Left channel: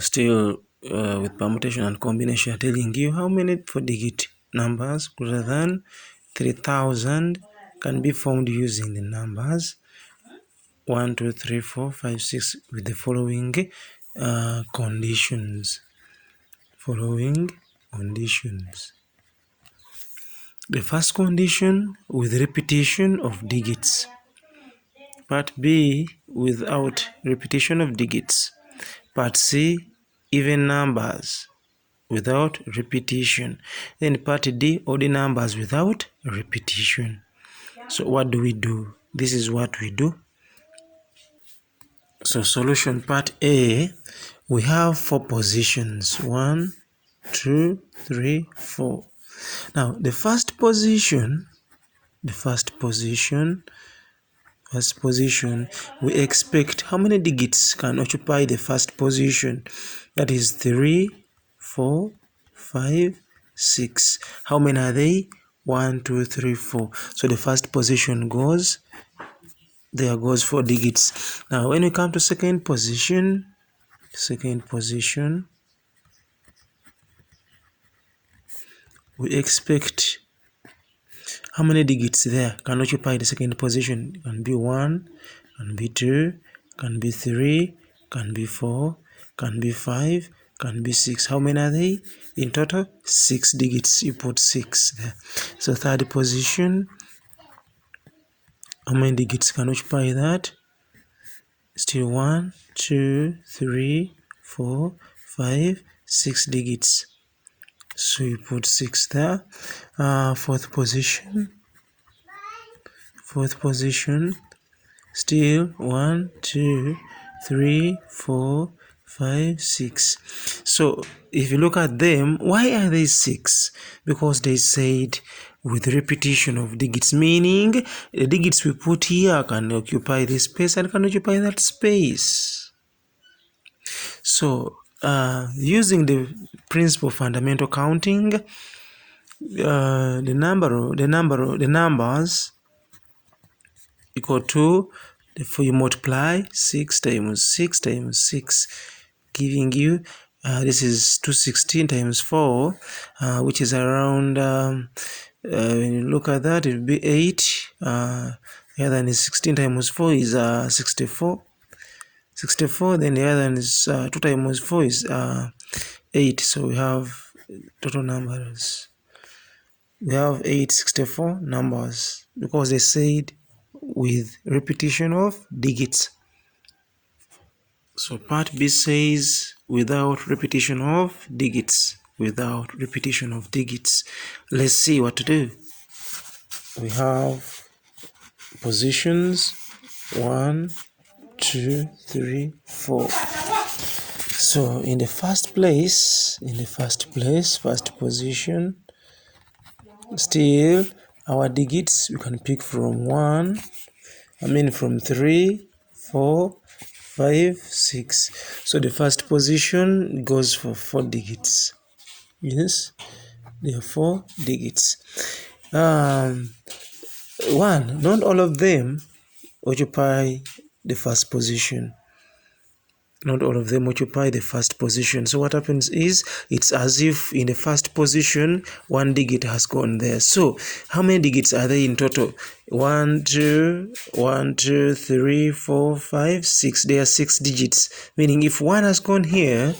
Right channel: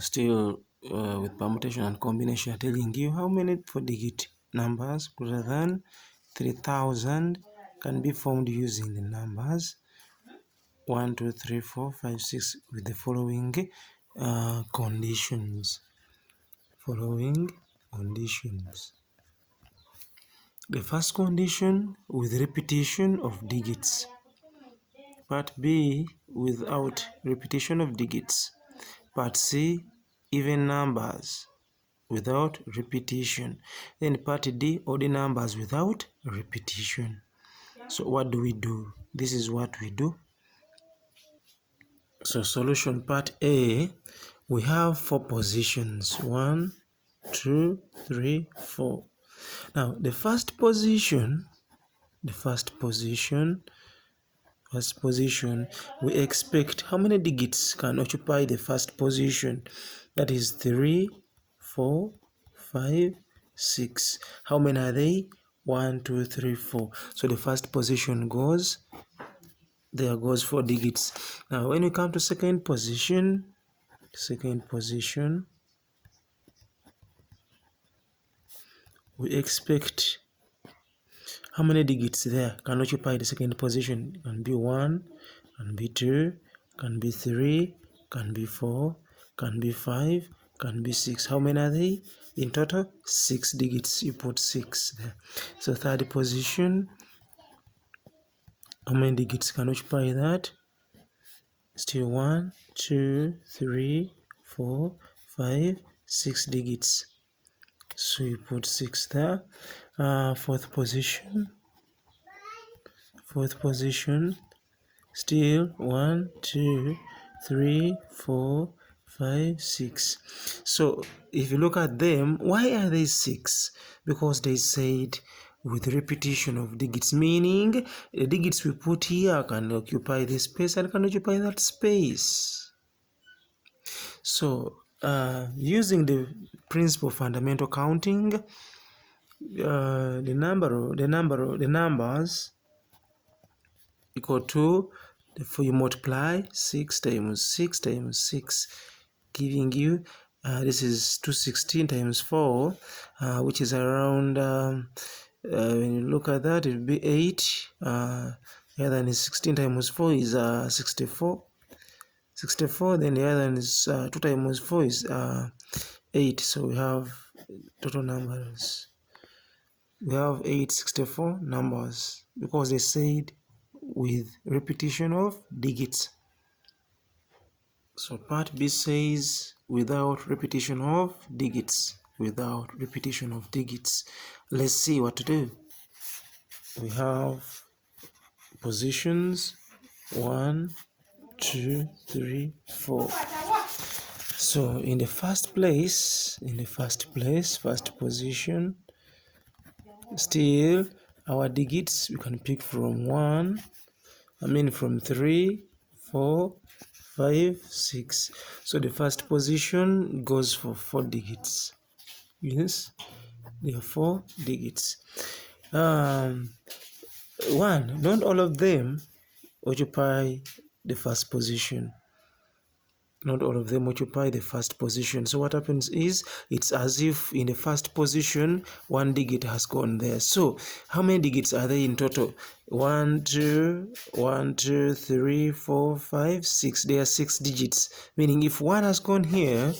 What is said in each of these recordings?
Still with permutation and combination, telling you how many 4-digit numbers greater than 3000 can be found using the numbers 1, 2, 3, 4, 5, 6 with the following conditions. The first condition, with repetition of digits. Part B, without repetition of digits. Part C, even numbers without repetition. Then part D, odd numbers without repetition. So what do? This is what we do. So solution part A, we have 4 positions. 1, 2, 3, 4. Now the first position, we expect how many digits can occupy the first position. That is 3, 4, 5, 6. How many are they? 1, 2, 3, 4. So the first position goes 4 digits. Now when we come to second position, we expect how many digits there can occupy the second position. It can be 1, can be 2, can be 3, can be 4, can be 5, can be 6. How many are they? In total, 6 digits. You put 6 there. So third position, how many digits can occupy that? Still 1, 2, 3, 4, 5, 6 digits. So you put 6 there. Fourth position, still 1, 2, 3, 4, 5, 6. So if you look at them, why are they 6? Because they said with repetition of digits, meaning the digits we put here can occupy this space and can occupy that space. So using the principle of fundamental counting, the numbers equal to, if you multiply 6 times 6 times 6, giving you this is 216 times 4, which is around when you look at that, it will be 8. The other one is 16 times 4 is 64. Then the other one is 2 times 4 is 8. So we have total numbers. We have 864 numbers because they said with repetition of digits. So part B says without repetition of digits. Let's see what to do. We have positions 1, 2, 3, 4. So in the first position, still our digits we can pick from 3, 4, 5, 6. So the first position goes for 4 digits. Yes, there are 4 digits. Not all of them occupy the first position. So what happens is, it's as if in the first position 1 digit has gone there. So how many digits are there in total? 1, 2, 3, 4, 5, 6. There are 6 digits, meaning if 1 has gone here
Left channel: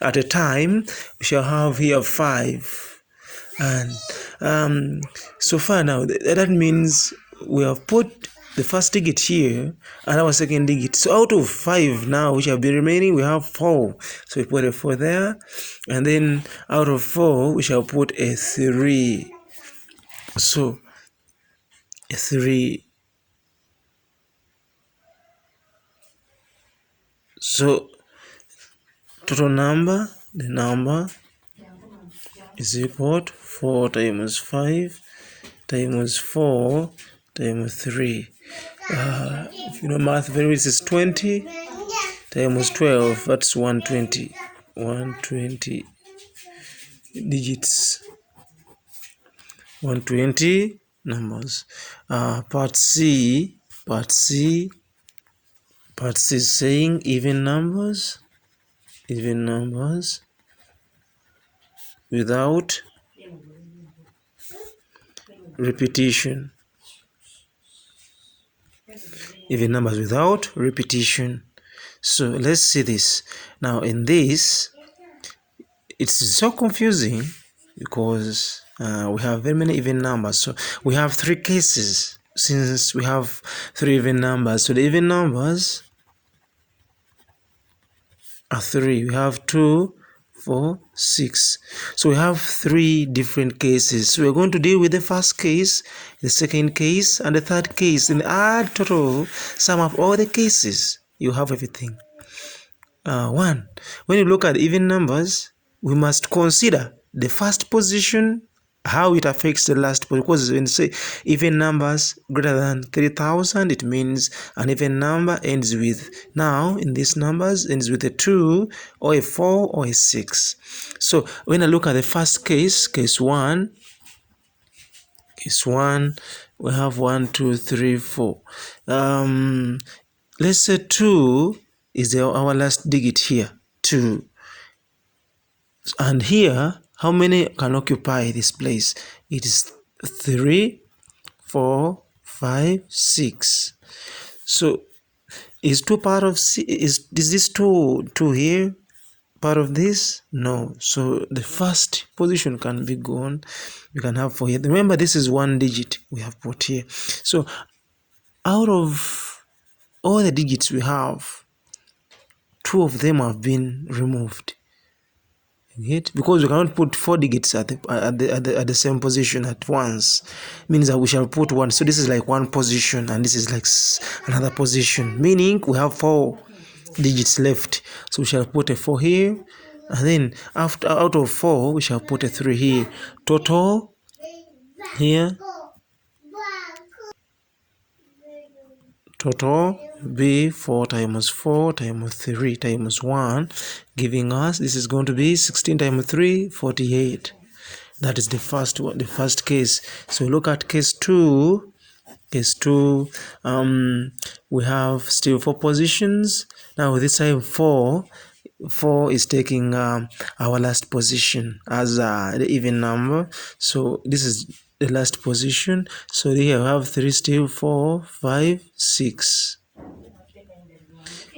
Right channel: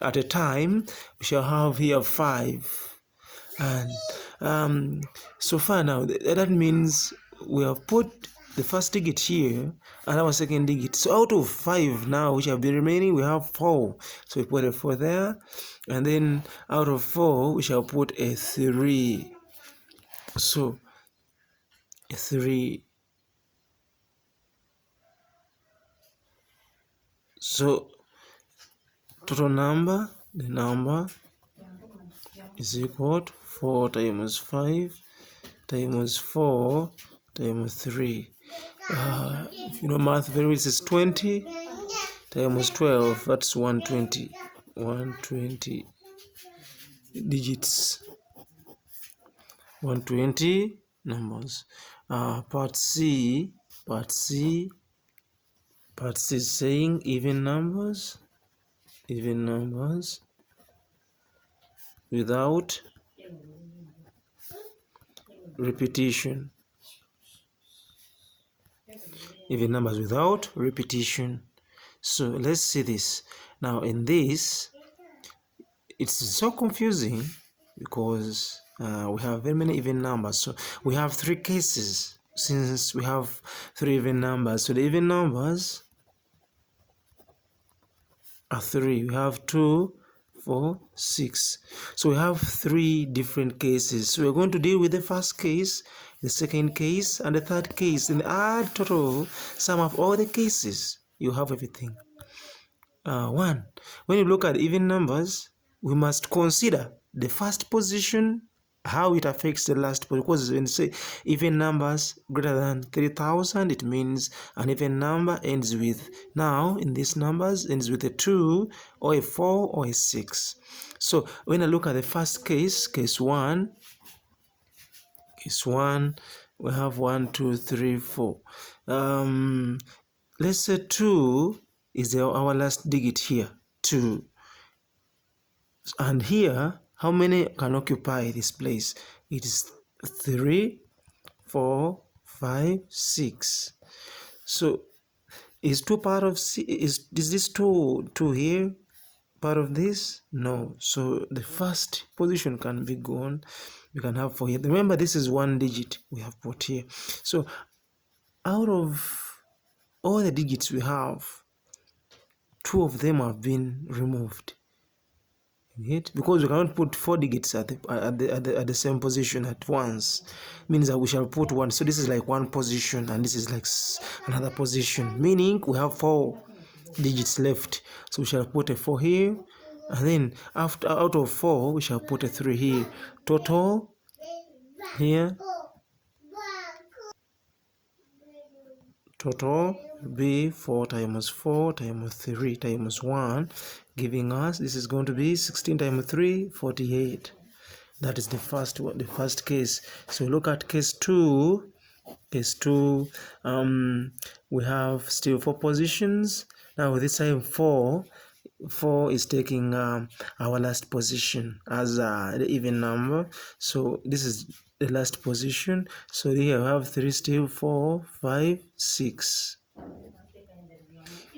at a time, we shall have here 5. And so far now, that means we have put the first digit here and our second digit. So out of 5 now, which have been remaining, we have 4. So we put a 4 there, and then out of 4, we shall put a 3. So a 3. So total number, the number is equal to 4 times 5 times 4 times 3. If you know math very well, is 20 times 12, that's 120. 120 digits. 120 numbers. Part C is saying even numbers even numbers without repetition. Even numbers without repetition. So let's see this. Now in this, it's so confusing because we have very many even numbers. So we have three cases since we have three even numbers. So the even numbers are three. We have 2, 4, 6. So we have three different cases. So we're going to deal with the first case, the second case, and the third case, and add total sum of all the cases. You have everything. One, when you look at even numbers, we must consider the first position, how it affects the last position. Because when you say even numbers greater than 3,000, it means an even number ends with, now in these numbers, ends with a 2 or a 4 or a 6. So when I look at the first case, case 1, we have 1, 2, 3, 4. Let's say 2 is our last digit here, 2. And here, how many can occupy this place? It is 3, 4, 5, 6. So is 2 part of C? Is this 2 here part of this? No. So the first position can be gone. You can have 4 here. Remember, this is one digit we have put here. So out of all the digits we have, 2 of them have been removed. Because we cannot put 4 digits at the same position at once, means that we shall put 1. So this is like one position, and this is like another position, meaning we have 4 digits left. So we shall put a 4 here, and then out of 4 we shall put a 3 here. Total here, total be 4 times 4 times 3 times 1, giving us, this is going to be 16 times 3, 48. That is the first one, the first case. So look at case 2. Case 2, we have still 4 positions. Now this time 4 is taking our last position as the even number. So this is the last position. So here we have 3 still, 4, 5, 6.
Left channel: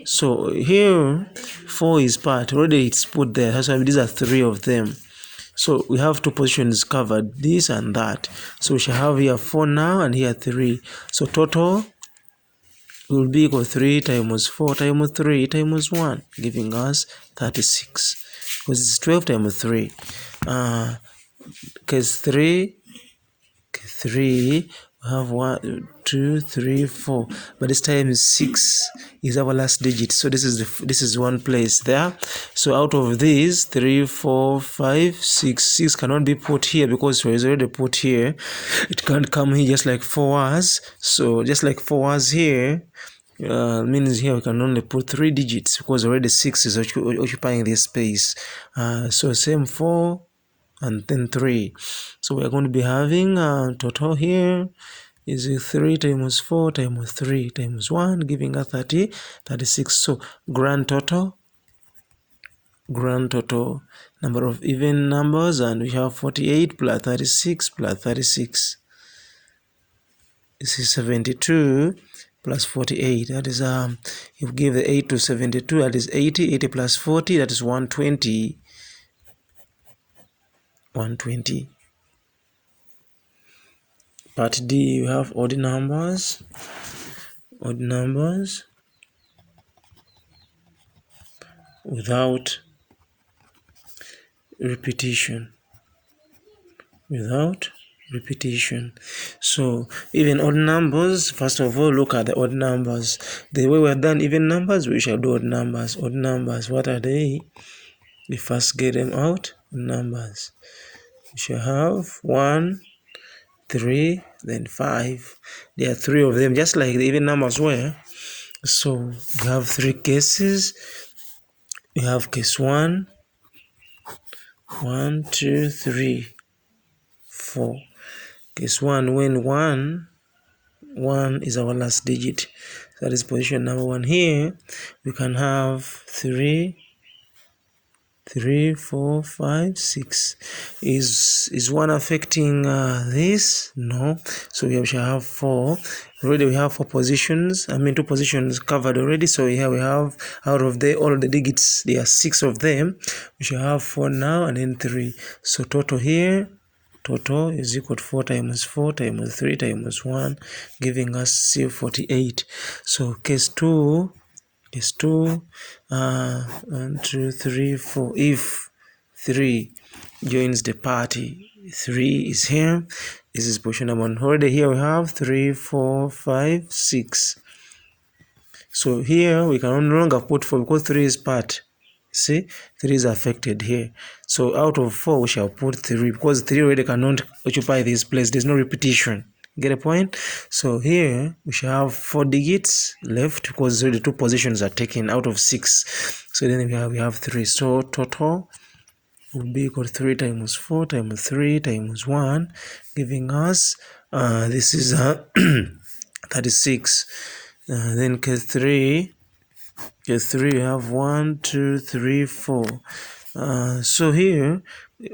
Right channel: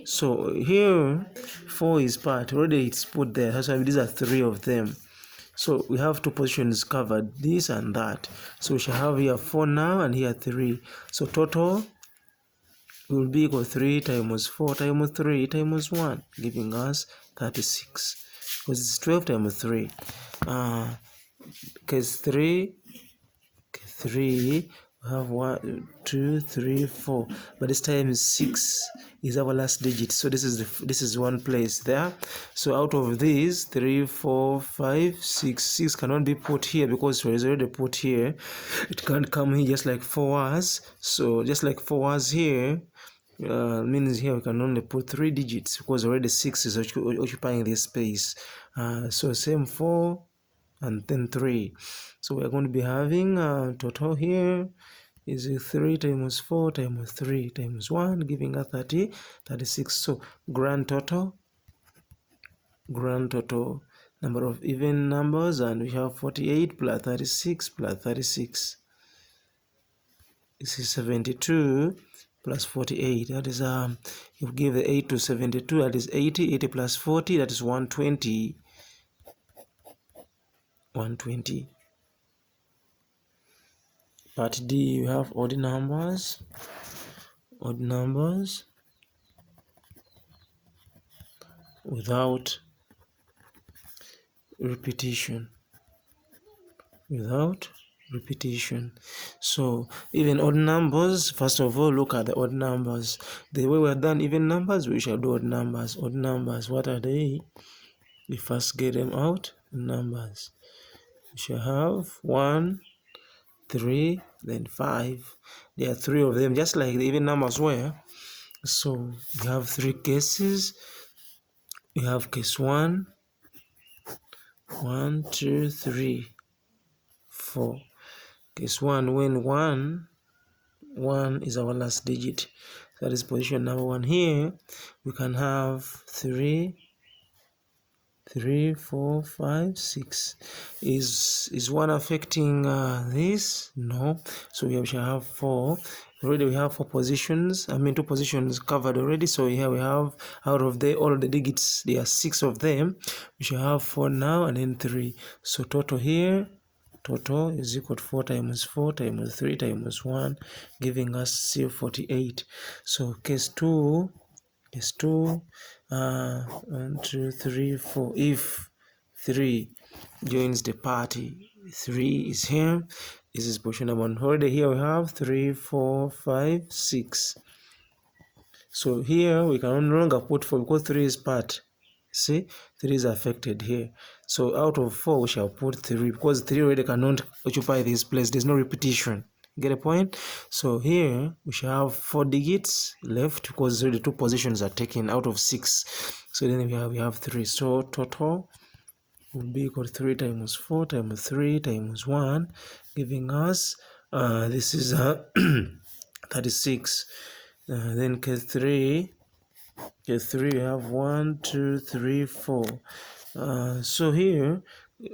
So here 4 is part, already it's put there. That's why these are 3 of them. So we have 2 positions covered, this and that. So we shall have here 4 now and here 3. So total will be equal 3 times 4 times 3 times 1, giving us 36. Because it's 12 times 3. Case 3, we have 1, 2, 3, 4, but this time 6 is our last digit. So this is one place there. So out of these 3, 4, 5, 6 cannot be put here because it was already put here. It can't come here just like 4 was. So just like 4 was here, means here we can only put 3 digits because already 6 is occupying this space. So same 4 and then 3. So we are going to be having total here is 3 times 4 times 3 times 1, giving us 36. So grand total number of even numbers, and we have 48 plus 36 plus 36. This is 72 plus 48. That is you give the 8 to 72, that is 80. 80 plus 40, that is 120. 120. Part D, you have odd numbers without repetition. So even odd numbers, first of all, look at the odd numbers. The way we have done even numbers, we shall do odd numbers. Odd numbers, what are they? We first get them out. Numbers, we shall have 1, 3, then 5. There are 3 of them, just like the even numbers were. So we have 3 cases. We have case 1, 1, 2, 3, 4. Case 1, when 1 is our last digit, that is position number 1 here, we can have 3, 3, 4, 5, 6. Is one affecting this? No. So we shall have 4. Already we have 4 positions. I mean 2 positions covered already. So here we have, out of all the digits, there are 6 of them. We shall have 4 now and then 3. So total here, total is equal to 4 times 4 times 3 times 1, giving us 48. So case 2 is 2, 1, 2, 3, 4. If 3 joins the party, 3 is here. This is position number 1. Already here we have 3, 4, 5, 6. So here we can no longer put 4 because 3 is part. See, 3 is affected here. So out of 4 we shall put 3 because 3 already cannot occupy this place. There's no repetition. Get a point? So here we shall have 4 digits left because the 2 positions are taken out of 6. So then we have 3. So total will be equal to 3 times 4 times 3 times 1, giving us this is 36. Then case 3 we have 1, 2, 3, 4. So here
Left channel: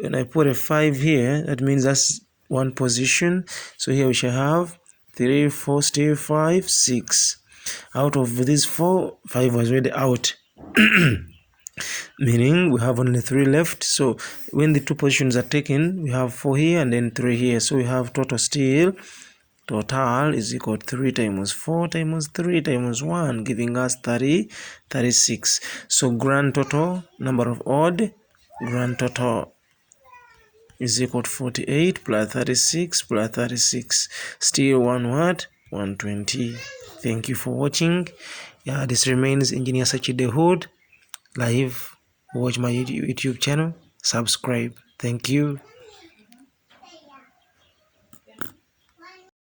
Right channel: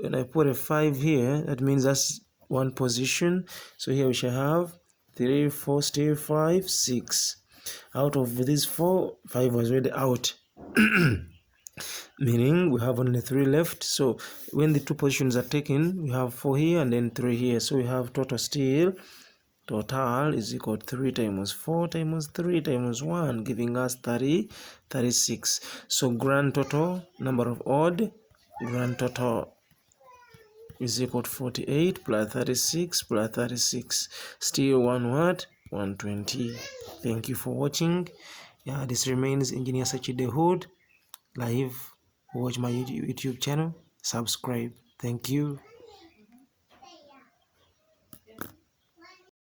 when I put a 5 here, that means that's 1 position. So here we shall have 3, 4, still 5, 6. Out of these 4, 5 was already out. Meaning we have only 3 left. So when the 2 positions are taken, we have 4 here and then 3 here. So we have total is equal to 3 times 4 times 3 times 1, giving us 36. So grand total, number of odd, grand total is equal to 48 plus 36 plus 36. Still 120. Thank you for watching. Yeah, this remains Engineer Sachide Hood live. Watch my YouTube channel, subscribe. Thank you.